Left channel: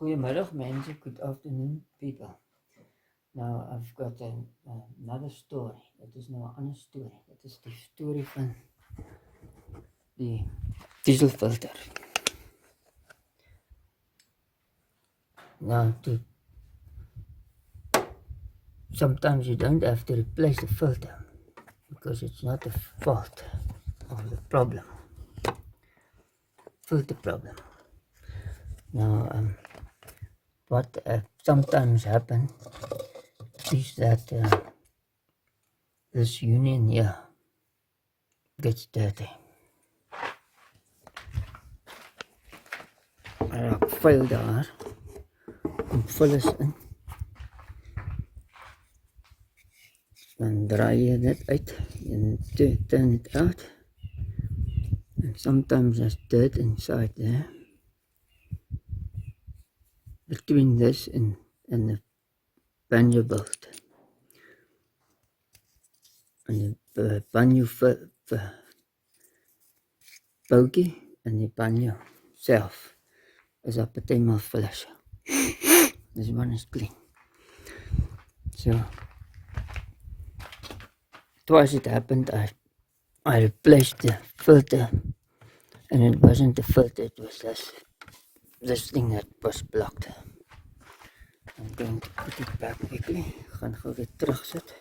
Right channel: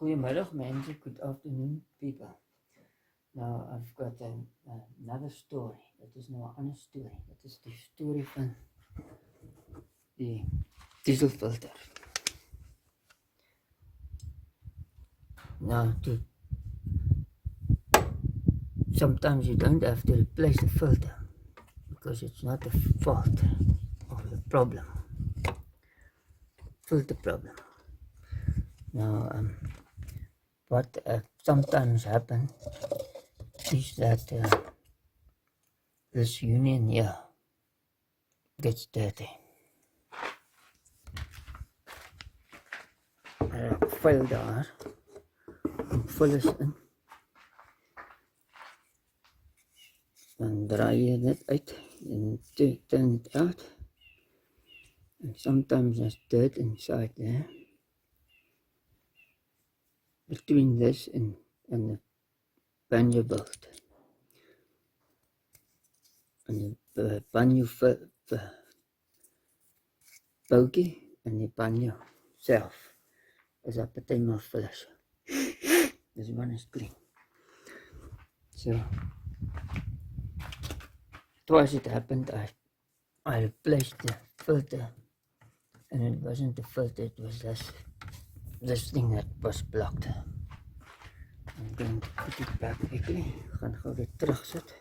Goedemiddag mensen, good afternoon people. Now I've got another story. Dit is nou 'n ander story. Dit is die storie van die dieselfilter. Now sometimes you don't have to replace the filter because it's not the fault of the problem. Filter problem. Now what sometimes happens is that this union here gets dirty. Ek vul daar en vul is in. Dan draai je dit uit and turn it out. And sometimes there's dirt inside there. Between this and the pannier bolt. And the pannier boutjie and the pannier self is a partymal flush. This one is clean. So twice it happened, I replaced the filter, and it wasn't the filter, it was this thing that was blocked. I'm going to put it back quickly. Ek gaan gou weer terugsit.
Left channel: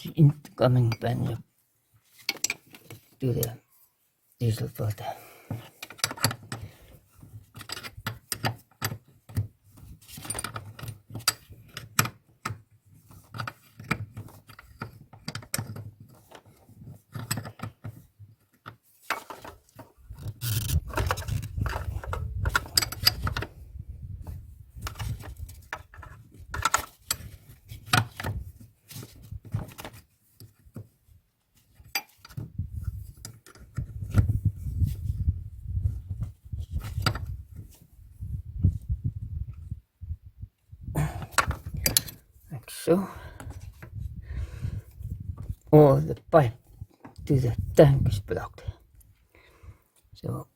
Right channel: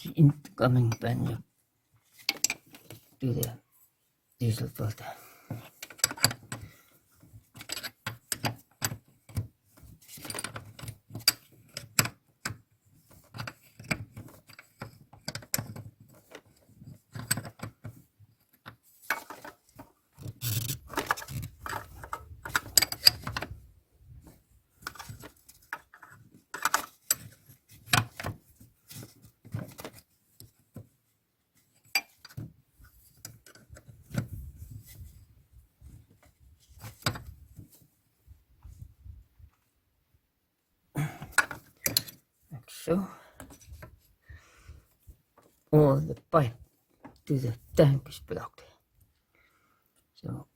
The incoming pannier to the diesel filter. So, or the pipe to the tank is blocked. So,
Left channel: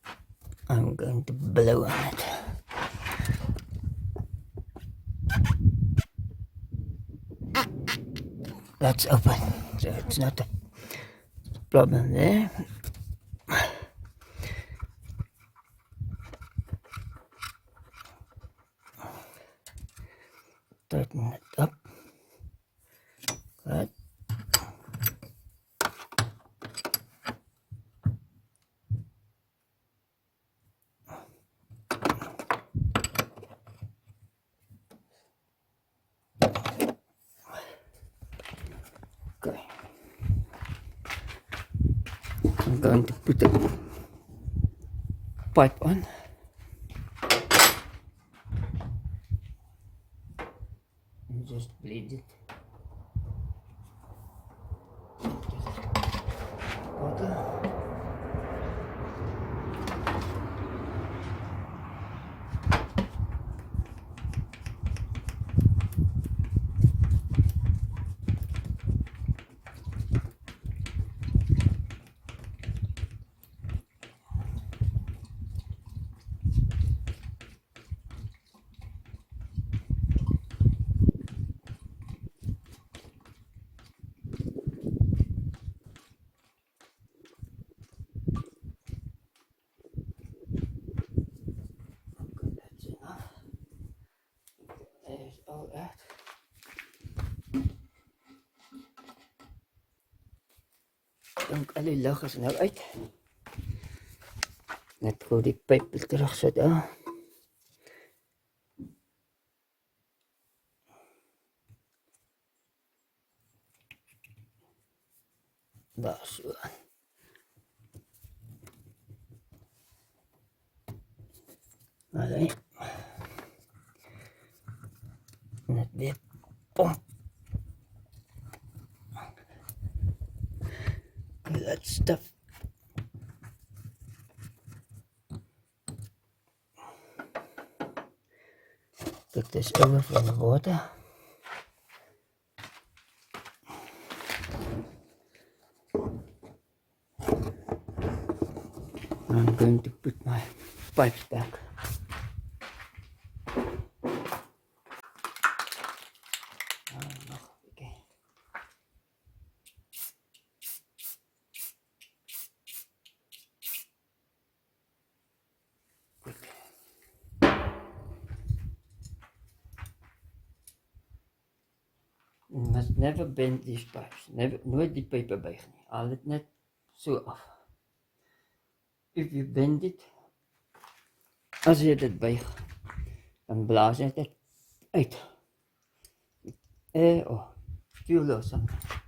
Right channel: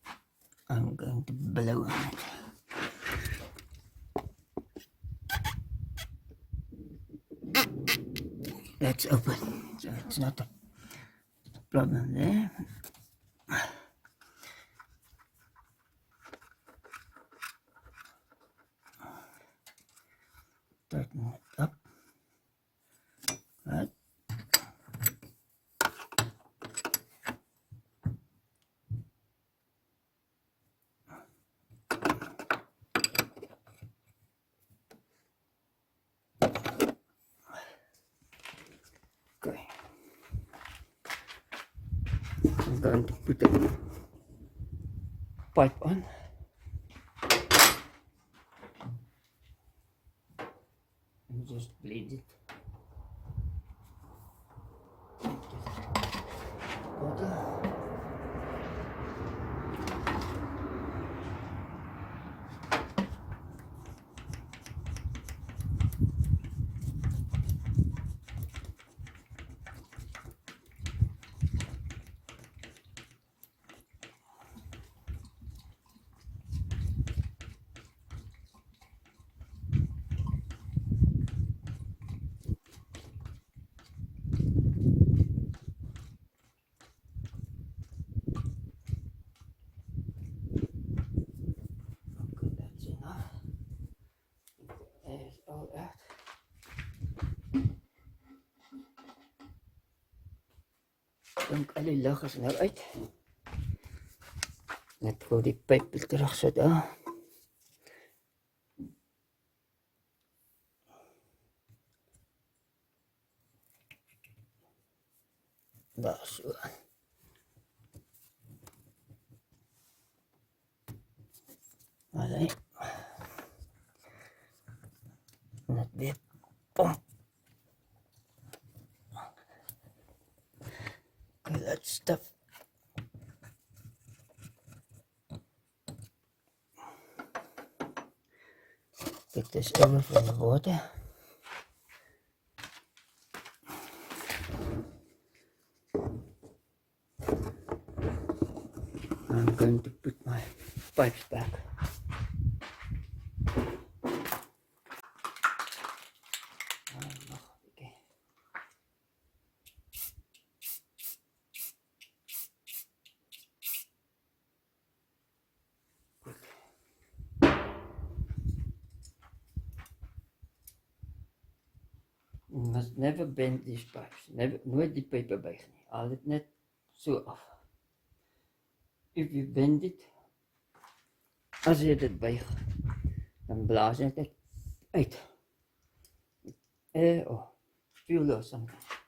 I'm going to blow on it. That's open, so it's not a problem there. Tighten it up. Good. Okay. I'm going to put the pipe on. And just bleed it. Water. All out. Dink al die lug is nou uit. Net gou die pyp terugsit daar. Daar so. Allee. Net weer Boom. Okay, that stuff. Take this over from the water. I'm going to put my pipes back. Okay. Good. You must never bend these pipes. Nooit die pype buig nie. Haal dit net so af. If you bend it, as jy dit buig, dan blaas jy dit uit. Fuel or something.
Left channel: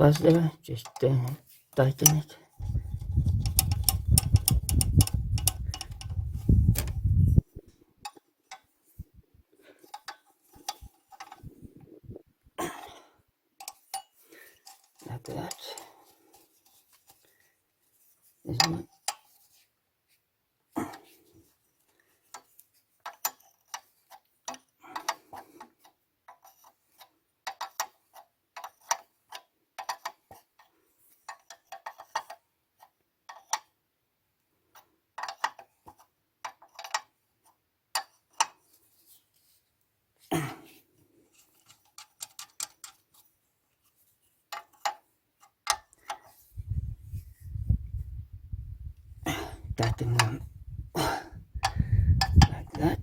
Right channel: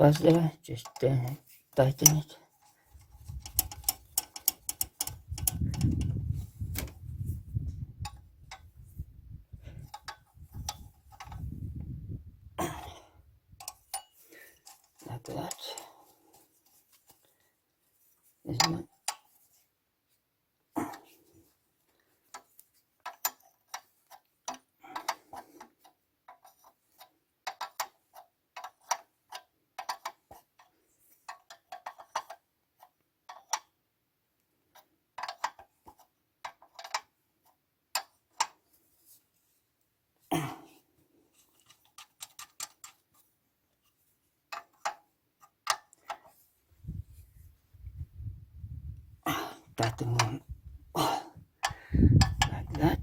First there, just tighten it. Like that. This one. Tighten them like that.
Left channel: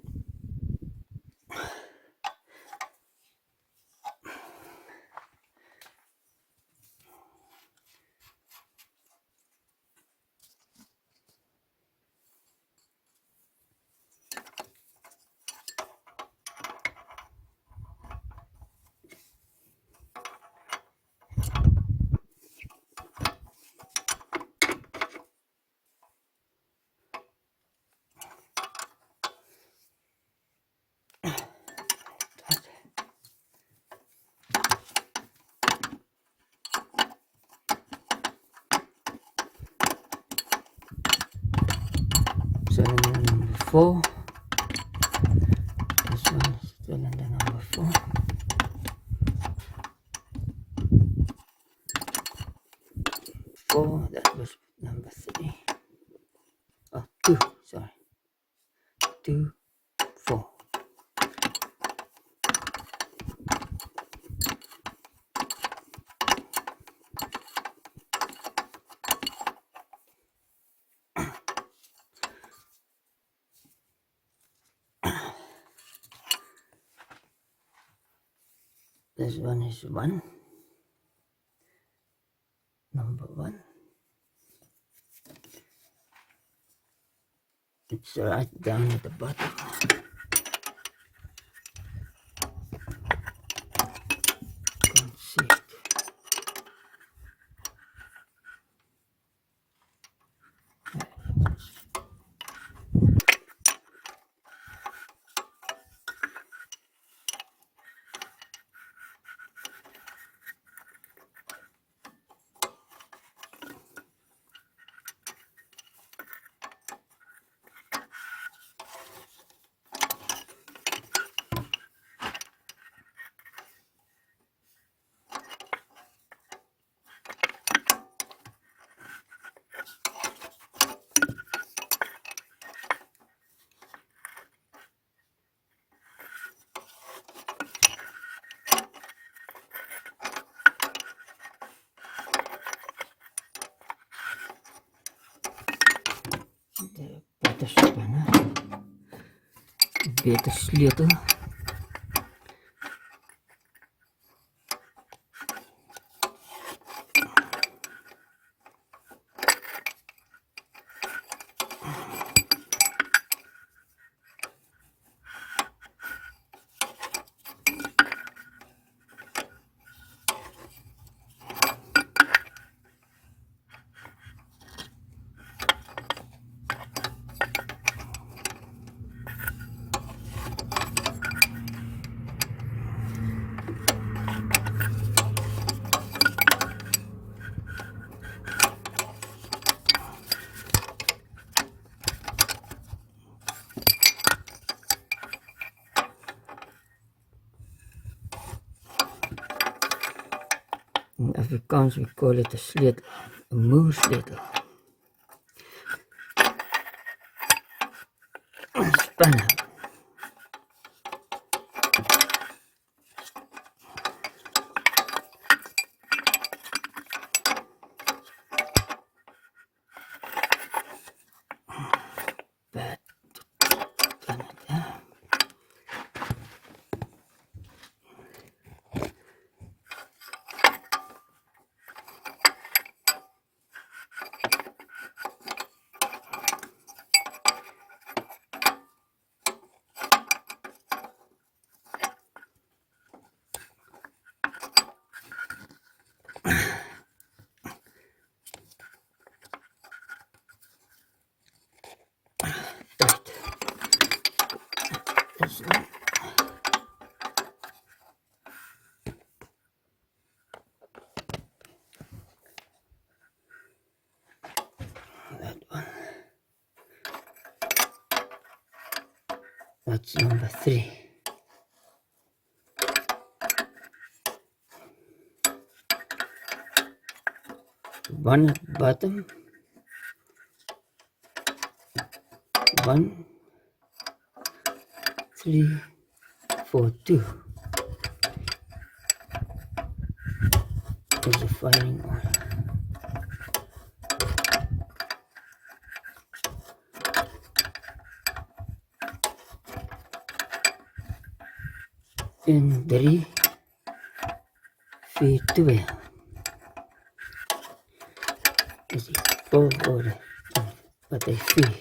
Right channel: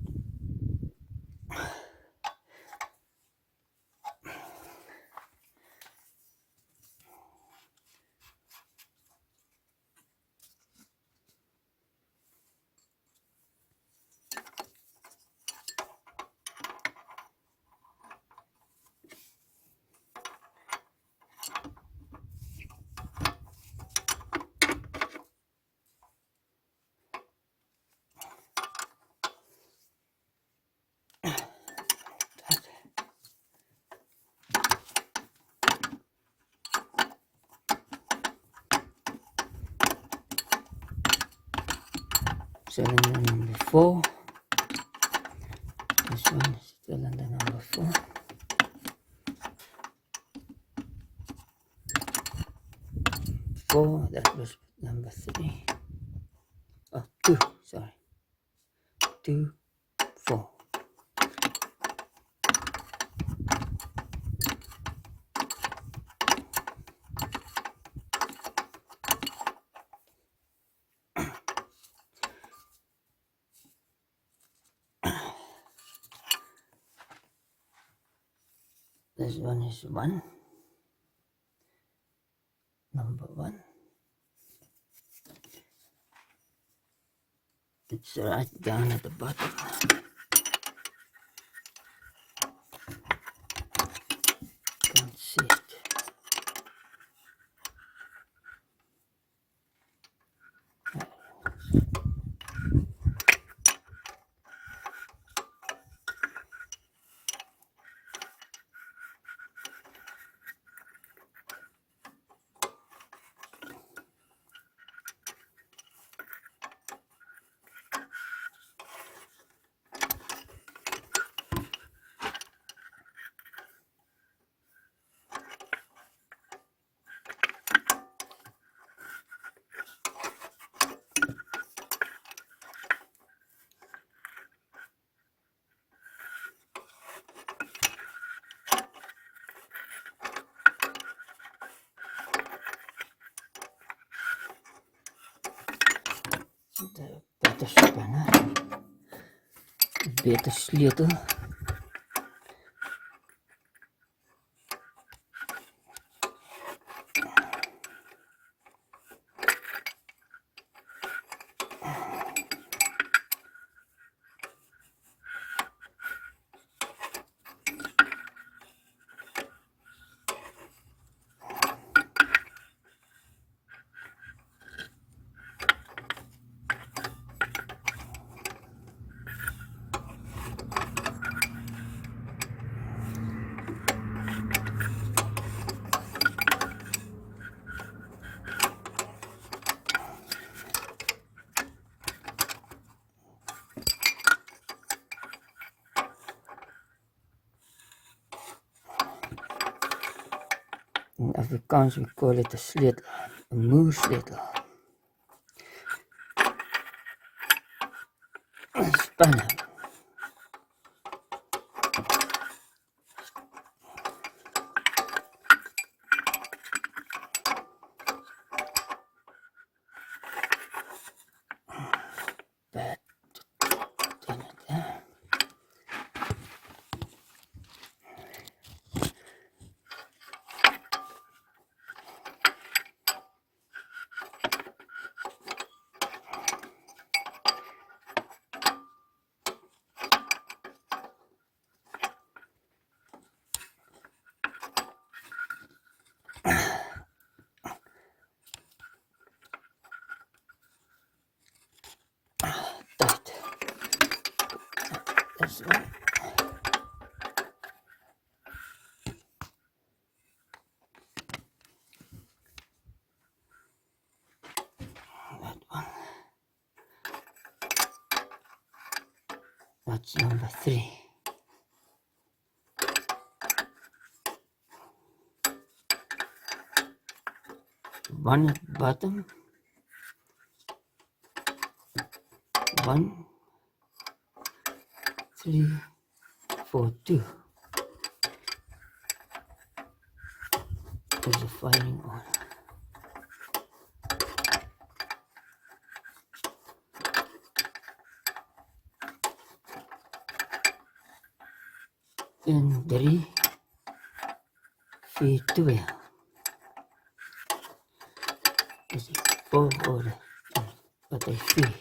Cylinder number 4. This one is cylinder number 4. That was number 3. Oh, 2, sorry. 2, 4. This one is 1. number 1. It's right down at the bottom. Can't see it. De beter spanne, beter sleutel. In Afrikaans we call it 'n sleutel, 'n moersleutel. Spanne. Bad. Done it, yeah. Tight. This one. That one. That's number 3. One at the bottom. 1, 3, 4, 2. There's a firing order. In 3, 4, 2. Dis die volgorde wat hy vier.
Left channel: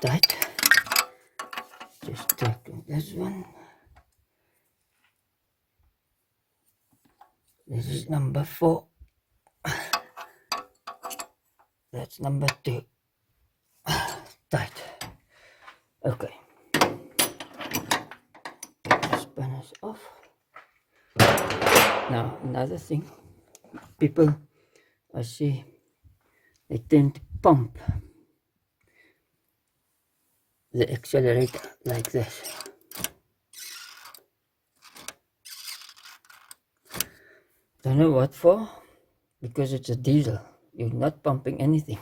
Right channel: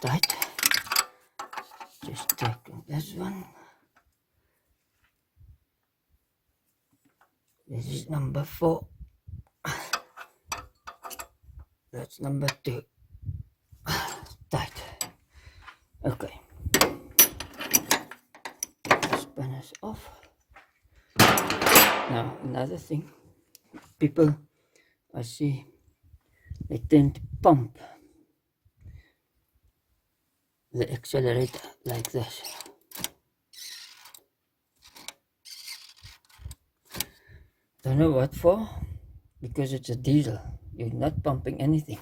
Tight. Just take this one. This is number 4. That's number 2. Tight. Okay. The spanners off. Now another thing people I see, they tend to pump the accelerator like this. Don't know what for, because it's a diesel. You're not pumping anything.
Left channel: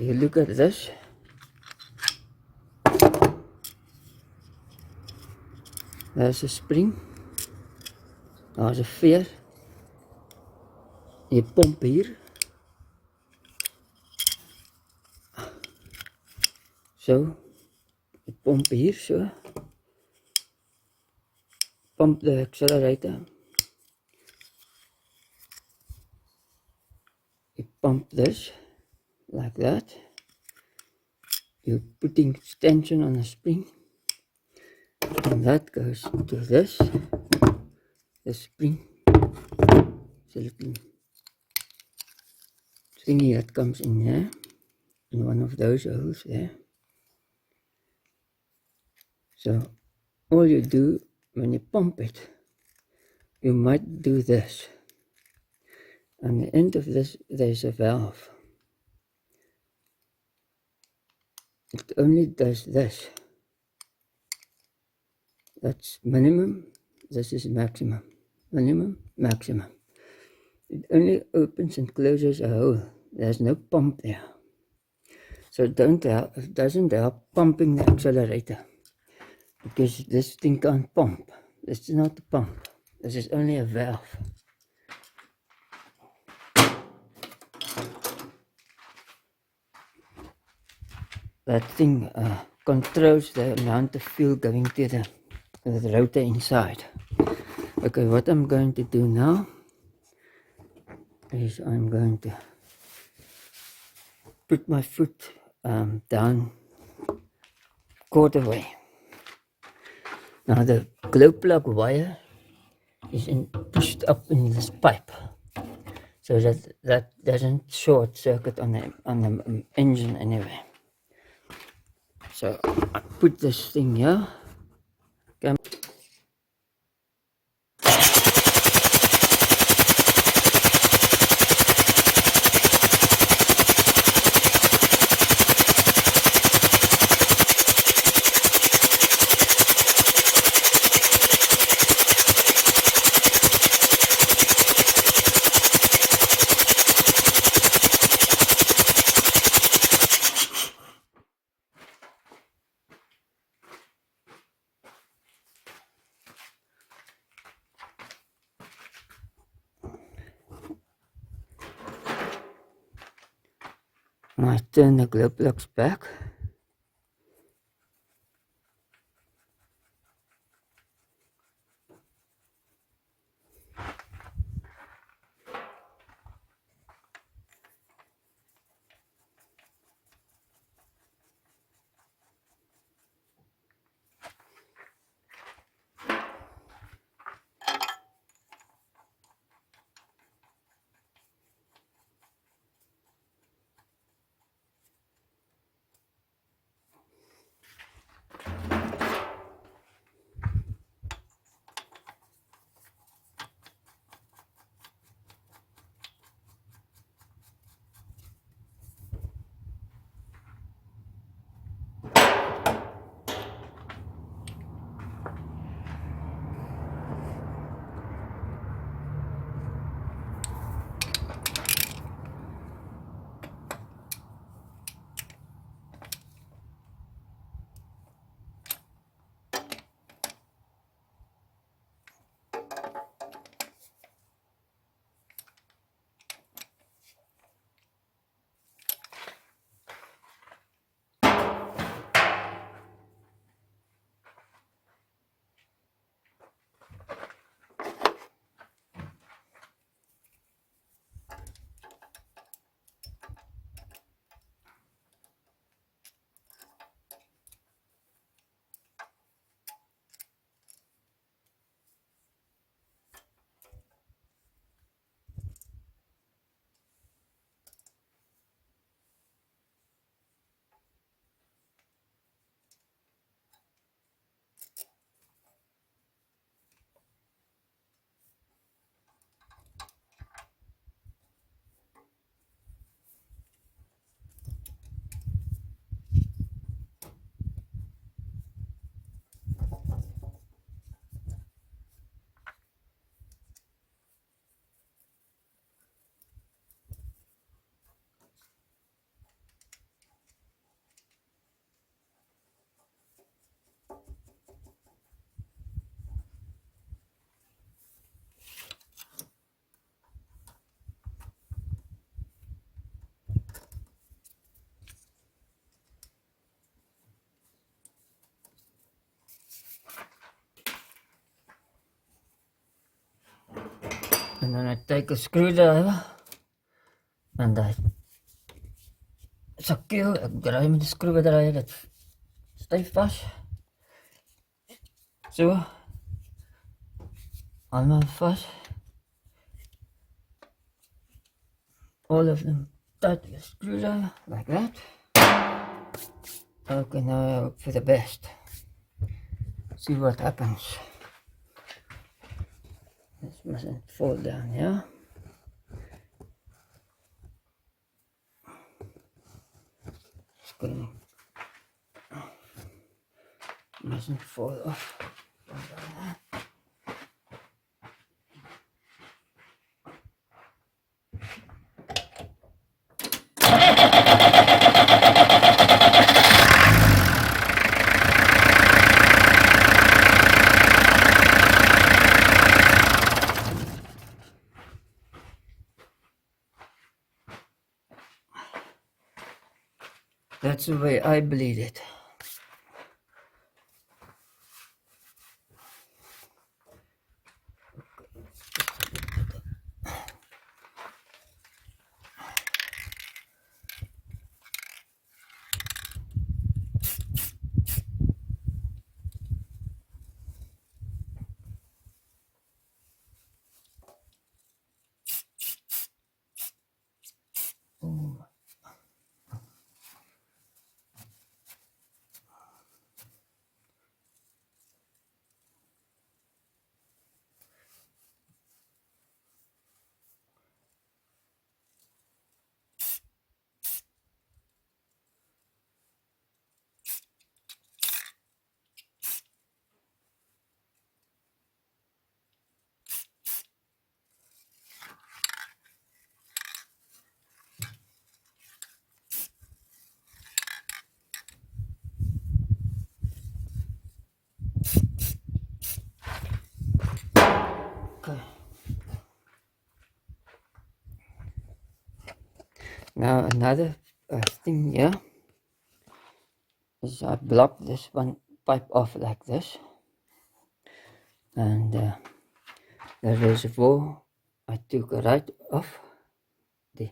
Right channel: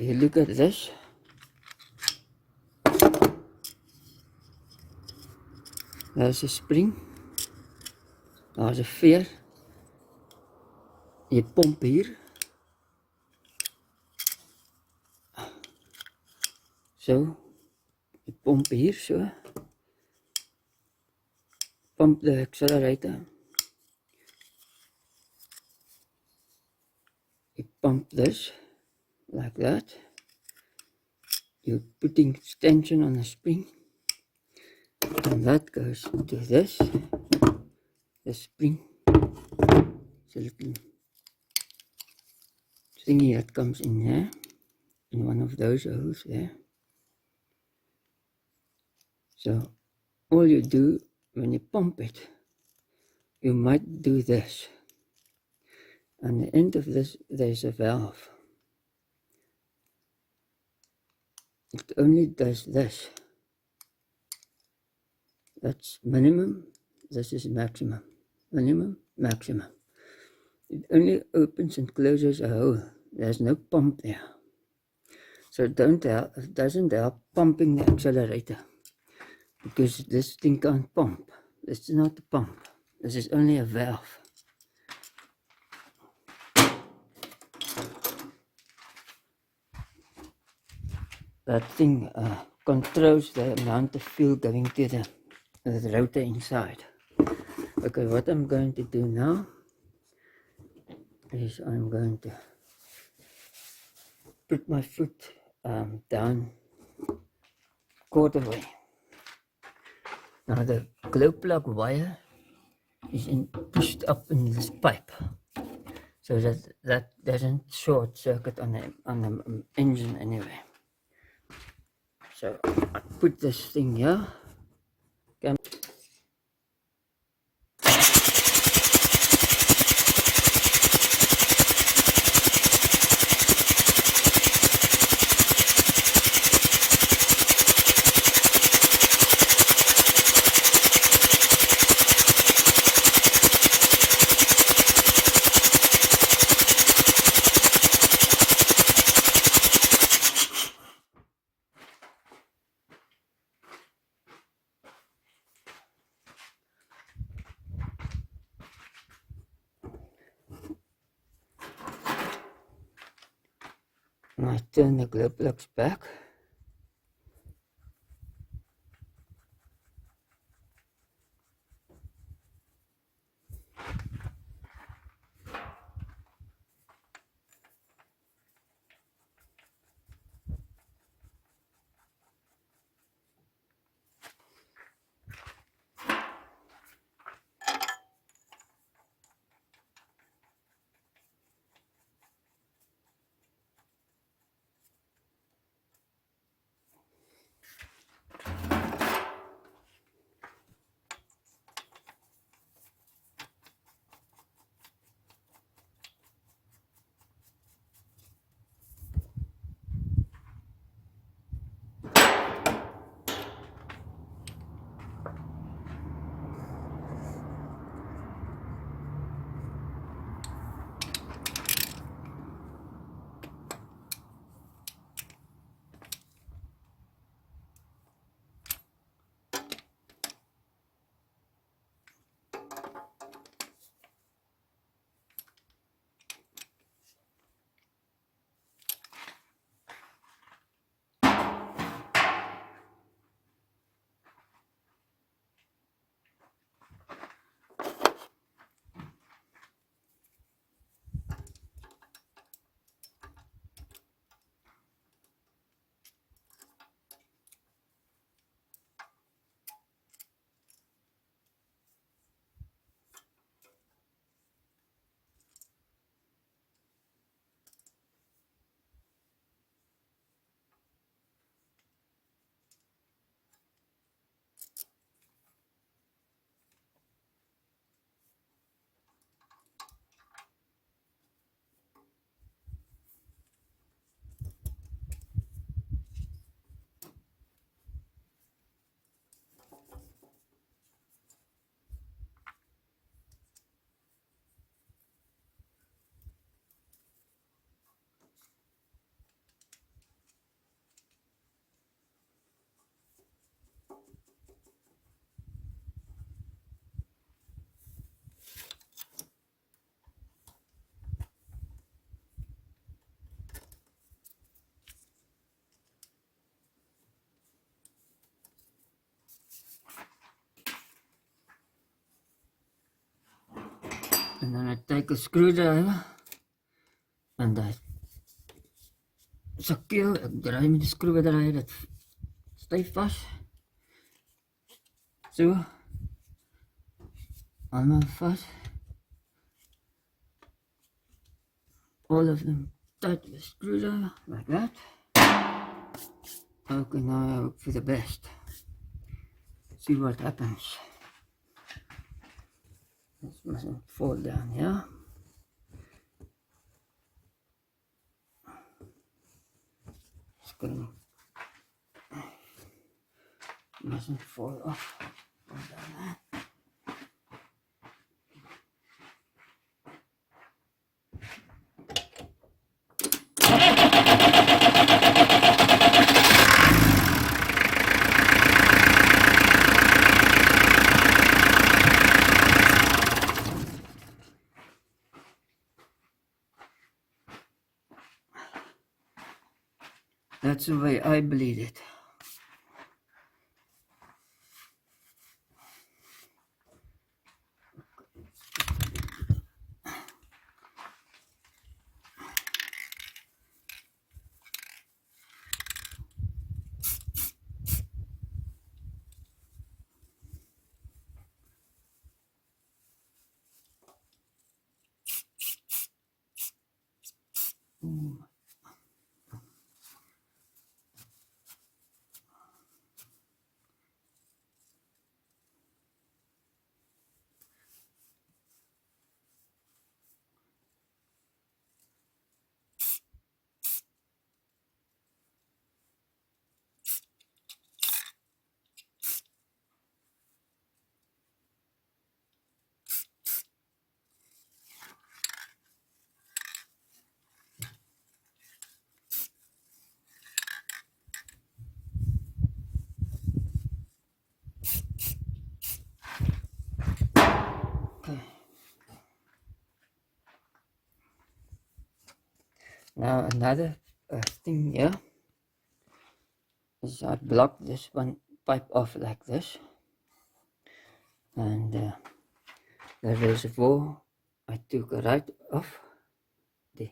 If you look at this, there's a spring, there's a veer. You pump here, so you pump here, so pump the accelerator. You pump this like that. You're putting tension on the spring, and that goes to this. The spring, it's a little thingy that comes in here, in one of those holes there. So all you do when you pump it, you might do this. On the end of this, there's a valve. It only does this. That's minimum. This is maximum. Minimum, maximum. It only opens and closes a hole. There's no pump there. So it doesn't help pumping the accelerator, because this thing can't pump. This is not a pump. This is only a valve. That thing controls the amount of fuel going to the rotor inside. Okay, what I'm going to do now is I'm going to put my foot down quarter way. Now the glow plug wire is pushed up in this pipe, so that doesn't short circuit on the engine anyway. So I put this thing here. Okay. I turn the glow plugs back. And then I take a screwdriver and I secure, ek draai met die skroewedraaier dit styf vas. So, allemaal vas. All of them tight with a screwdriver, like that. Okay, now I hope for the best. See what happens. This mustn't fall down here. Screw. Mustn't fall off. That's the way I bleed it. Okay. Now another thing here is I block this one pipe off like this, and the reservoir I took right off the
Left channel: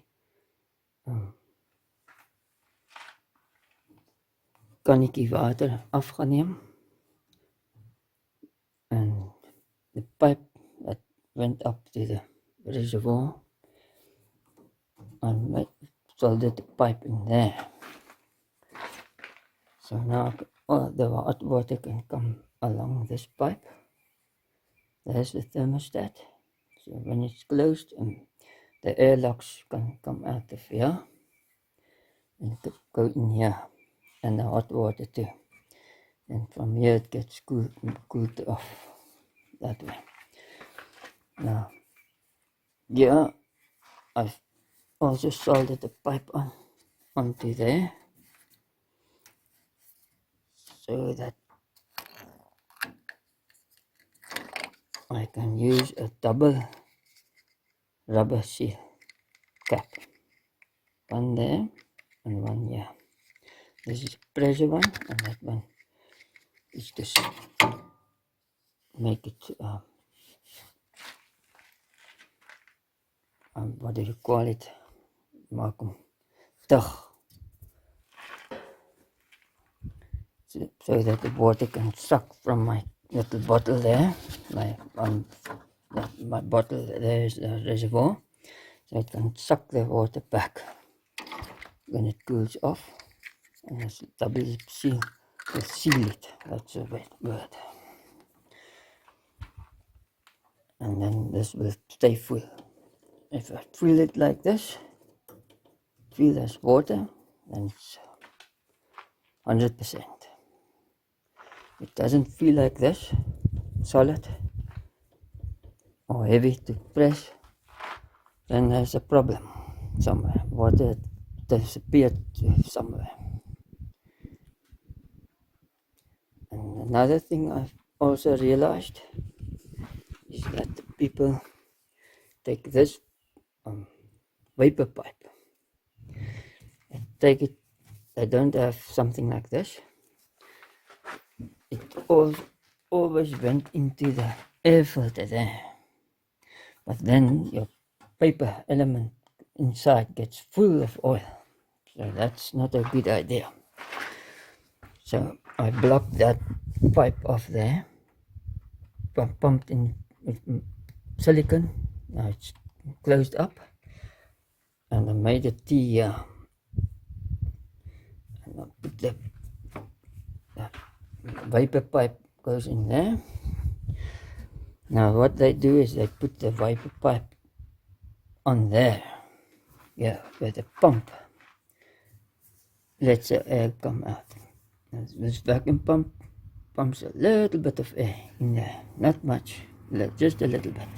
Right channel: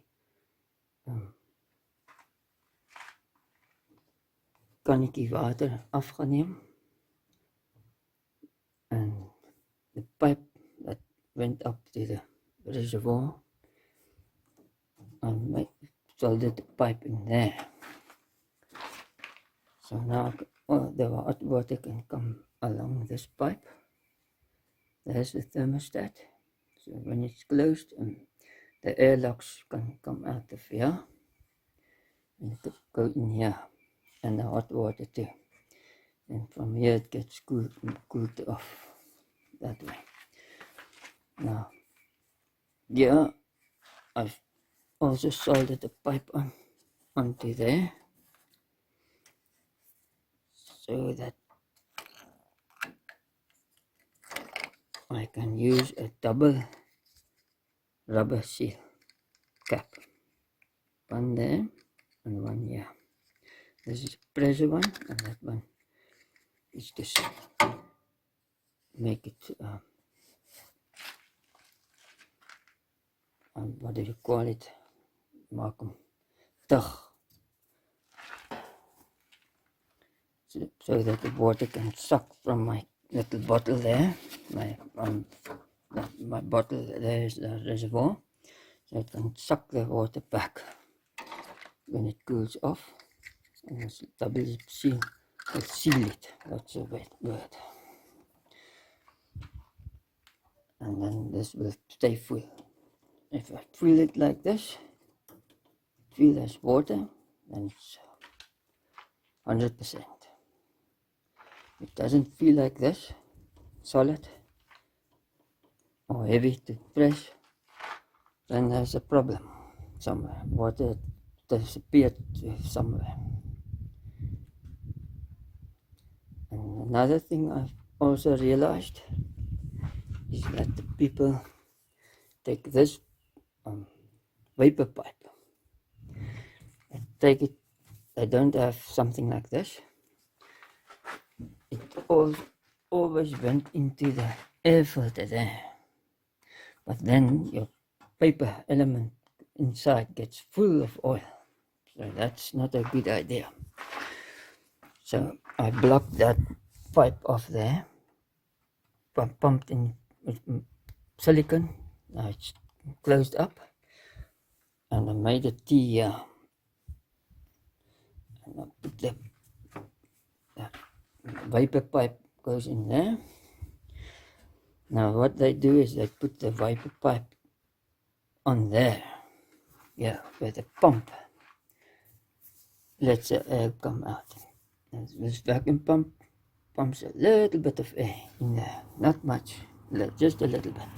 kannetjie water afgeneem, and the pipe that went up to the reservoir, and soldered the pipe in there. So now the hot water can come along this pipe. There's the thermostat. So when it's closed, the airlocks can come out of here and go in here, and the hot water too. And from here it gets cooled off that way. Now, yeah, I've also soldered the pipe onto there, so that I can use a double rubber seal cap. One there and one here. This is a pressure one, and that one is just make it what do you call it? Maak hom dig, so that the water can suck from my little bottle there. My bottle there is the reservoir, so it can suck the water back when it cools off, and this double seal will seal it. That's a word. And then this will stay full. If I fill it like this, fill as water, then it's 100%. It doesn't feel like this, solid or heavy to press, then there's a problem somewhere. Water disappeared somewhere. And another thing I've also realized is that the people take this vapor pipe, they don't have something like this. It always went into the air filter there, but then your paper element inside gets full of oil. So that's not a good idea. So I blocked that pipe off there, pumped in with silicone. Now it's closed up, and I made a T here. And I put the vapor pipe goes in there. Now what they do is they put the vapor pipe on there, yeah, where the pump lets the air come out. Now, this vacuum pump pumps a little bit of air in there, not much, just a little bit.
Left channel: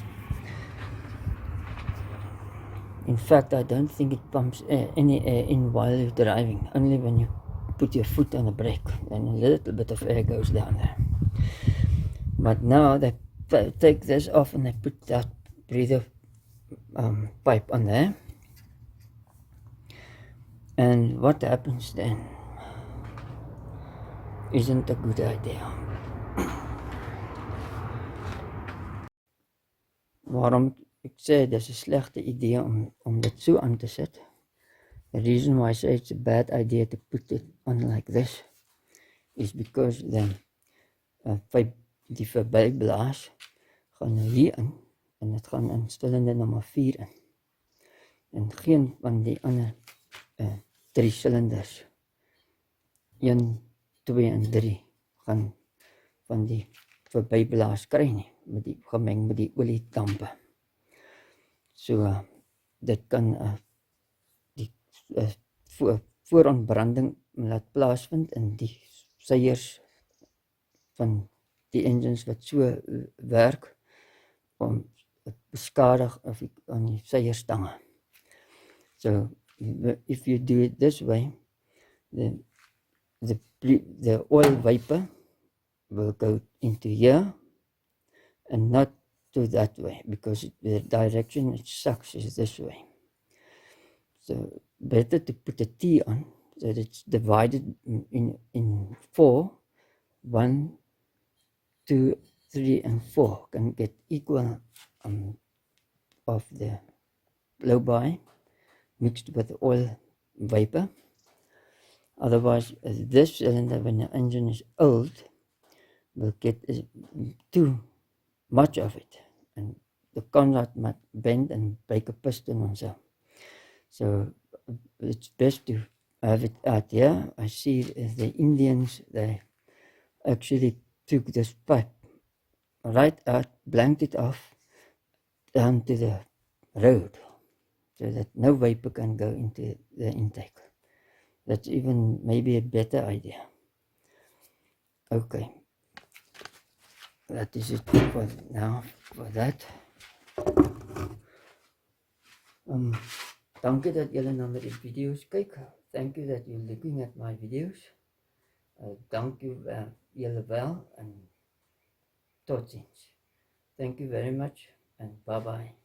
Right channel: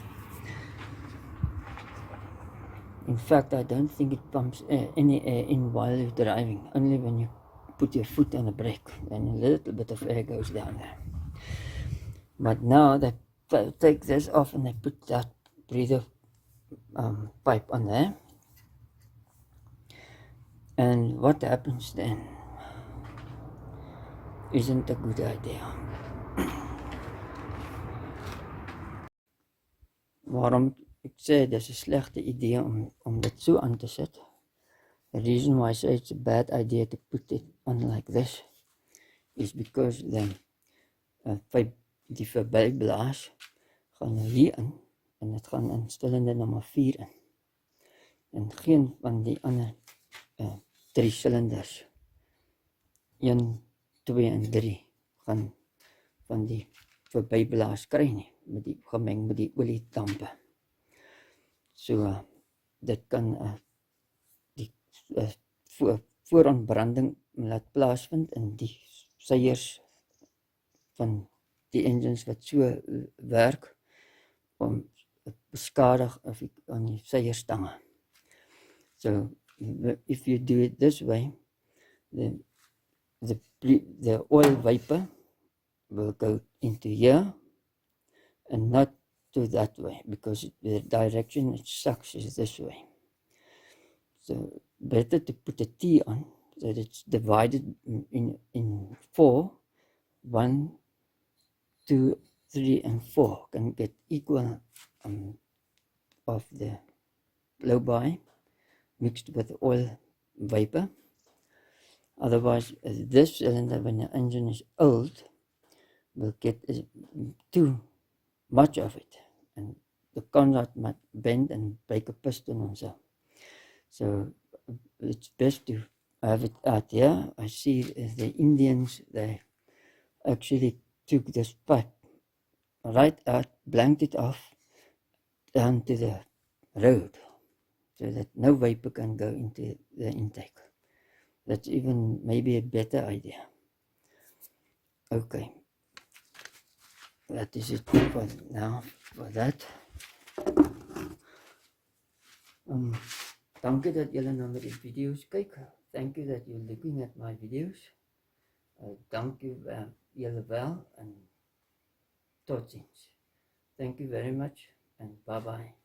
In fact, I don't think it pumps any air in while you're driving, only when you put your foot on the brake, and a little bit of air goes down there. But now they take this off and they put that breather pipe on there. And what happens then isn't a good idea. Waarom ek sê dis 'n slegte idee om dit so aan te sit? The reason why I say it's a bad idea to put it on like this is because the die verbyblaas gaan nou hier in en dit gaan in cilinder nommer 4 in. En geen van die ander 3 silinders 1, 2 en 3 gaan van die verbyblaas kry nie, met die gemeng met die oliedampe. So dit kan die voorontbranding laat plaasvind in die seiers van die engines wat so werk om beskadig of aan die seierstange. So if you do it this way, then the oil vapor will go into here and not to that way, because the direction it sucks is this way. So better to put a T on so that it's divided in 4, 1, 2, 3 and 4 can get equal of the blow-by mixed with oil vapor. Otherwise, this cylinder, when the engine is old, will get too much of it, and the conrod might bend and break a piston and so it's best to have it out here. I see the Indians, they actually took this pipe right out, blanked it off down to the road so that no vapor can go into the intake. That's even maybe a better idea. Okay, that is it for now for that. Dankie dat julle na my video's kyk. Thank you that you're looking at my video's. Dankie julle wel en tot ziens. Thank you very much and bye bye.